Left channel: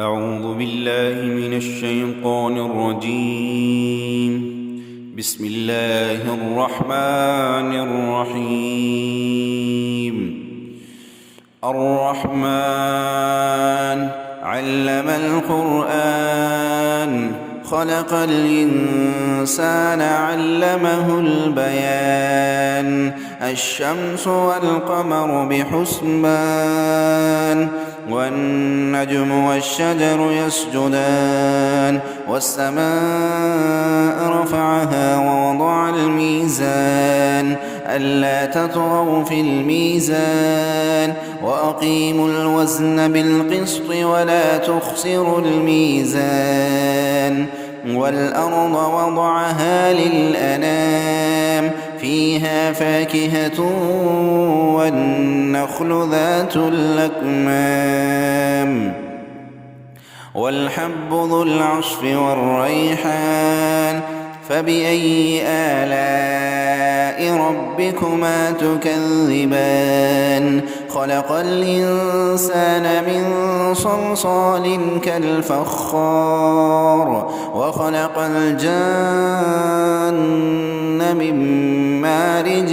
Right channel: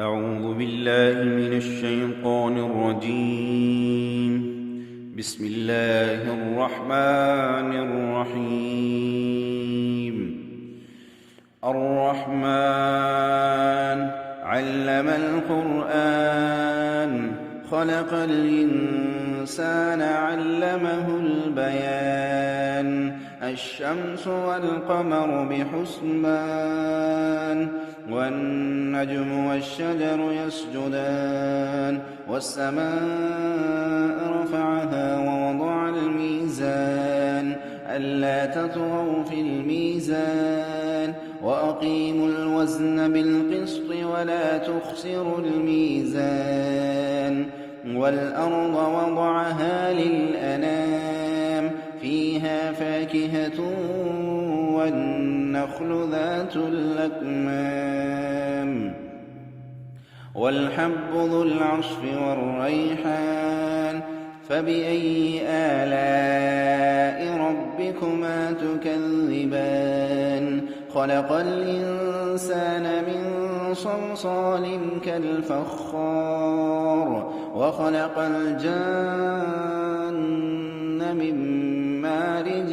أعوذ بالله من الشيطان الرجيم. بسم الله الرحمن الرحيم. الرحمن علم القرآن خلق الإنسان علمه البيان الشمس والقمر بحسبان والنجم والشجر يسجدان والسماء رفعها ووضع الميزان ألا تطغوا في الميزان وأقيموا الوزن بالقسط ولا تخسروا الميزان والأرض وضعها للأنام فيها فاكهة والنخل ذات الأكمام والحب ذو العصف والريحان فبأي آلاء ربكما تكذبان خلق الإنسان من صلصال كالفخار وخلق الجن من مارج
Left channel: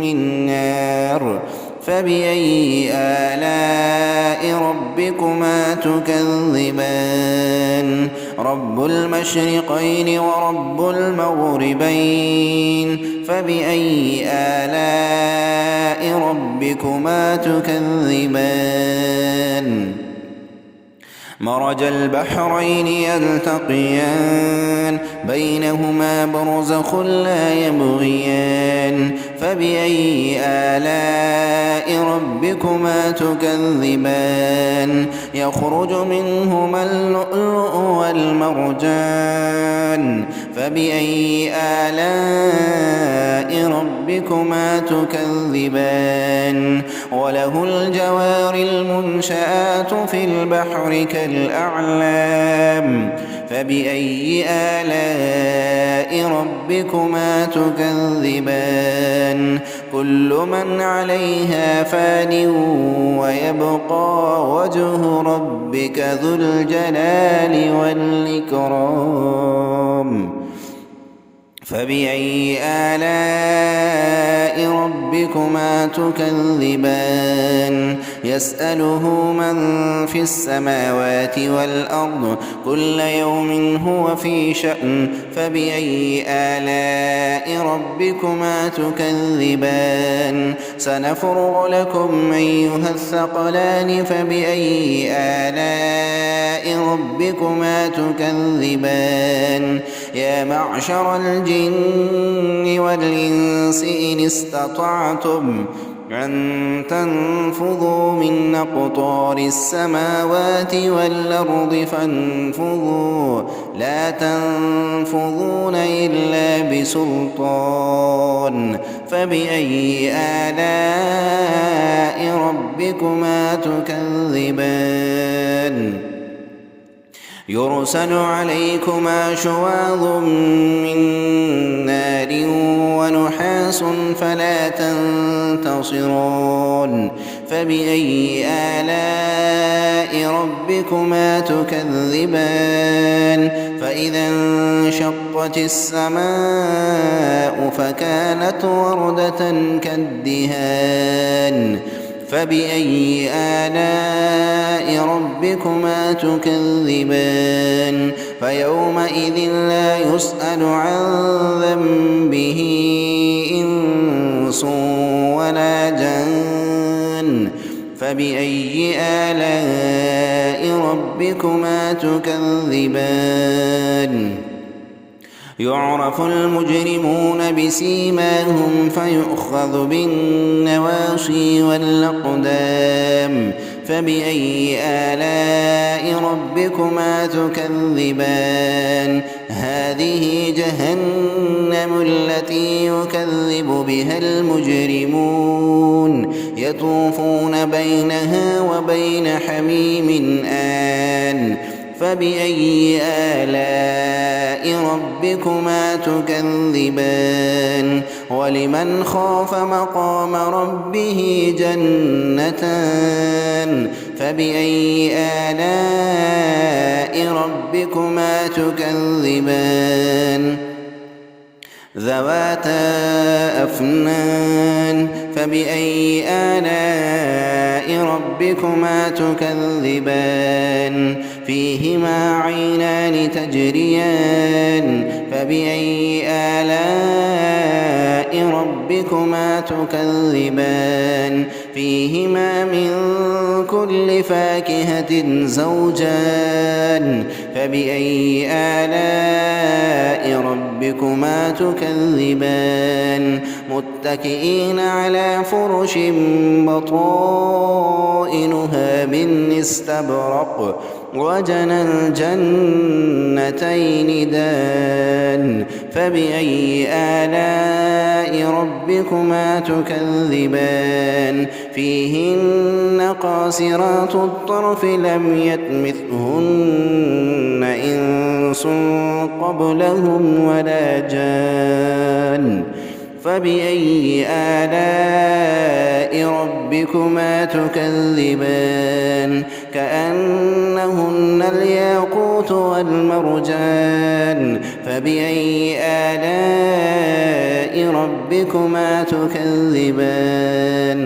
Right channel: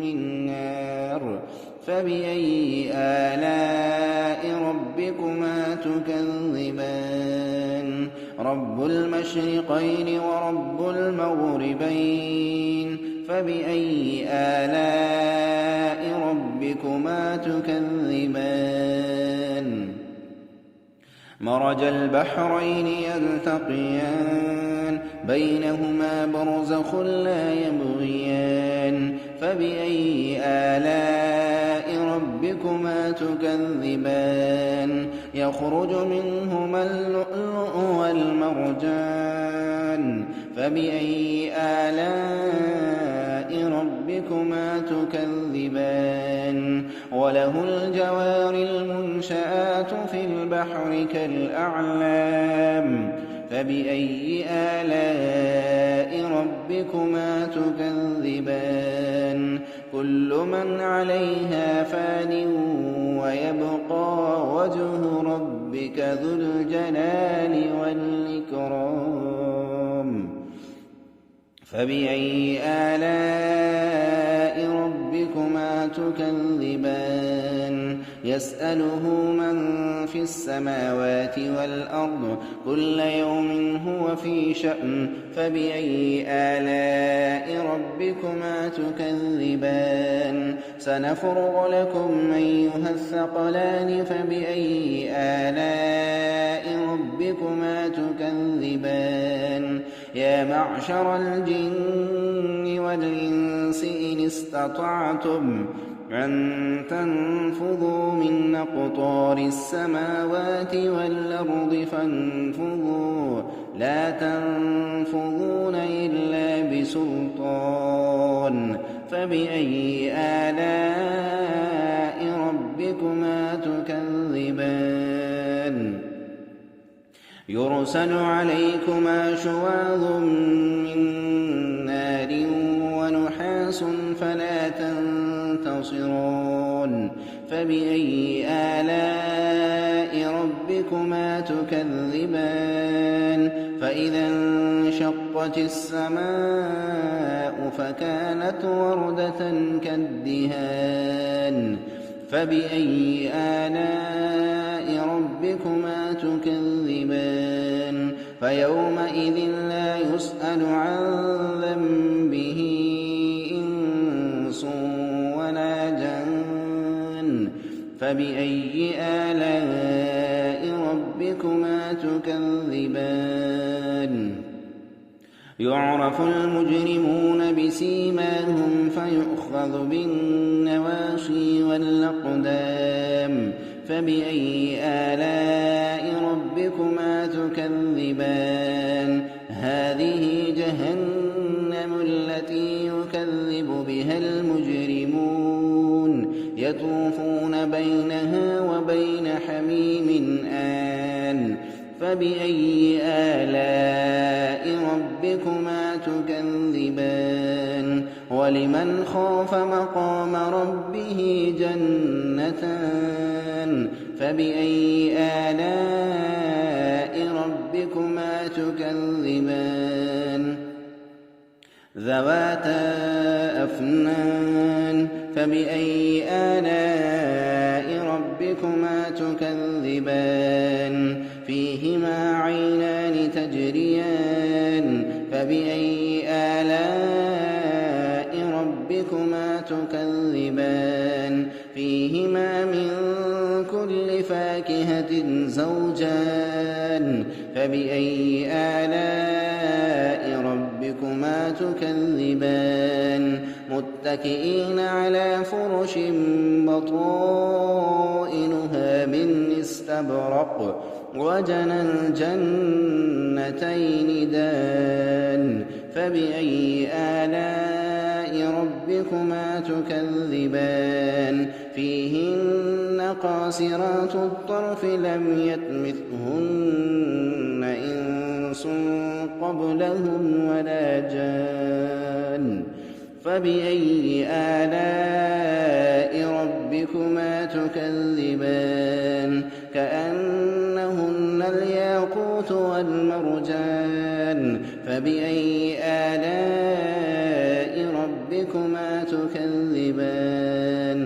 من نار فبأي آلاء ربكما تكذبان رب المشرقين ورب المغربين فبأي آلاء ربكما تكذبان مرج البحرين يلتقيان بينهما برزخ لا يبغيان فبأي آلاء ربكما تكذبان يخرج منهما اللؤلؤ والمرجان فبأي آلاء ربكما تكذبان وله الجوار المنشآت في البحر كالأعلام فبأي آلاء ربكما تكذبان كل من عليها فان ويبقى وجه ربك ذو الجلال والإكرام فبأي آلاء ربكما تكذبان يسأله من في السماوات والأرض كل يوم هو في شأن فبأي آلاء ربكما تكذبان سنفرغ لكم أيها الثقلان فبأي آلاء ربكما تكذبان يا معشر الجن والإنس إن استطعتم أن تنفذوا من أقطار السماوات والأرض فانفذوا لا تنفذون إلا بسلطان فبأي آلاء ربكما تكذبان يرسل عليكما شواظ من نار ونحاس فلا تنتصران فبأي آلاء ربكما تكذبان فإذا انشقت السماء فكانت وردة كالدهان فبأي آلاء ربكما تكذبان فيومئذ لا يسأل عن ذنبه إنس ولا جان فبأي آلاء ربكما تكذبان يعرف المجرمون بسيماهم فيؤخذ بالنواصي والأقدام فبأي آلاء ربكما تكذبان هذه جهنم التي يكذب بها المجرمون يطوفون بينها وبين حميم آن فبأي آلاء ربكما تكذبان ولمن خاف مقام ربه جنتان فبأي آلاء تكذبان ذواتا أفنان فبأي آلاء ربكما تكذبان فيهما عينان تجريان فبأي آلاء ربكما تكذبان فيهما من كل فاكهة زوجان فبأي آلاء ربكما تكذبان متكئين على فرش بطائنها من استبرق وجنى الجنتين دان فبأي آلاء ربكما تكذبان فيهن قاصرات الطرف لم يطمثهن إنس قبلهم ولا جان فبأي آلاء ربكما تكذبان كأنهن الياقوت والمرجان فبأي آلاء ربكما تكذبان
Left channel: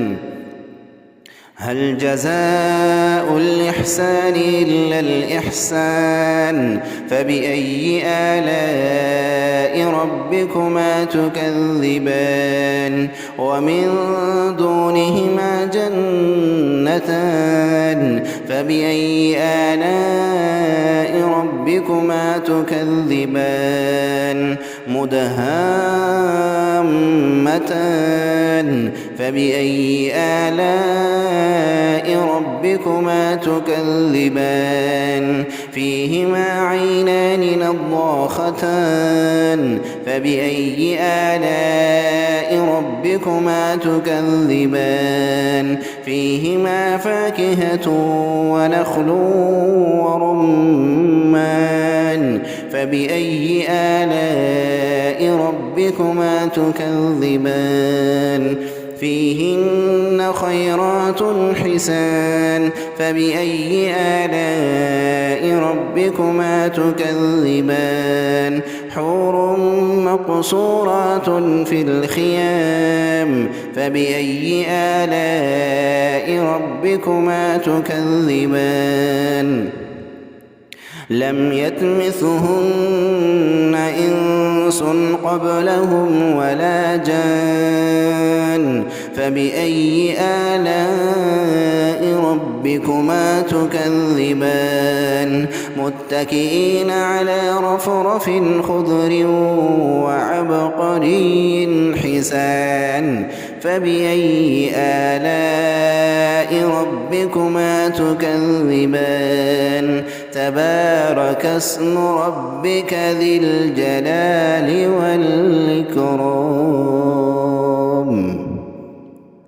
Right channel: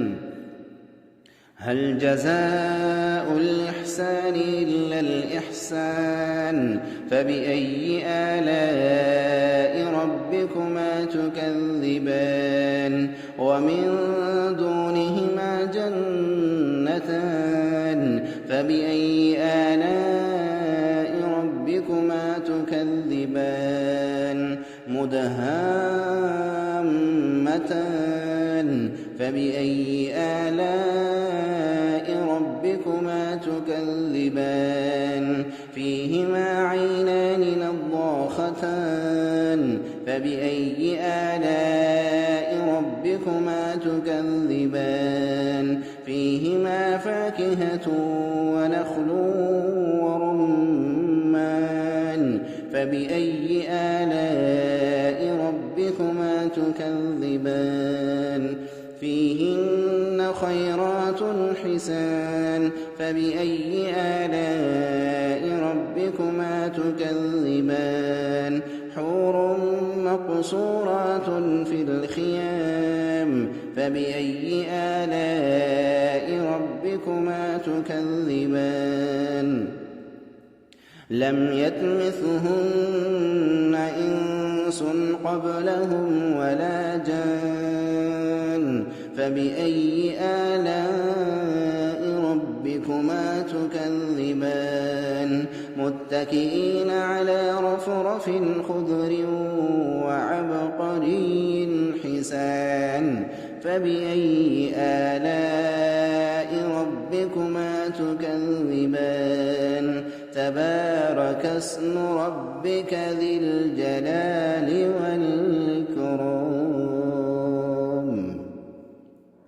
هل جزاء الإحسان إلا الإحسان فبأي آلاء ربكما تكذبان ومن دونهما جنتان فبأي آلاء ربكما تكذبان مدهامتان فبأي آلاء ربكما تكذبان فيهما عينان نضاختان فبأي آلاء ربكما تكذبان فيهما فاكهة ونخل ورمان فبأي آلاء ربكما تكذبان فيهن خيرات حسان فبأي آلاء ربكما تكذبان حور مقصورات في الخيام فبأي آلاء ربكما تكذبان لم يطمثهن إنس قبلهم ولا جان فبأي آلاء ربكما تكذبان متكئين على رفرف خضر وعبقري حسان فبأي آلاء ربكما تكذبان تبارك اسم ربك ذي الجلال والإكرام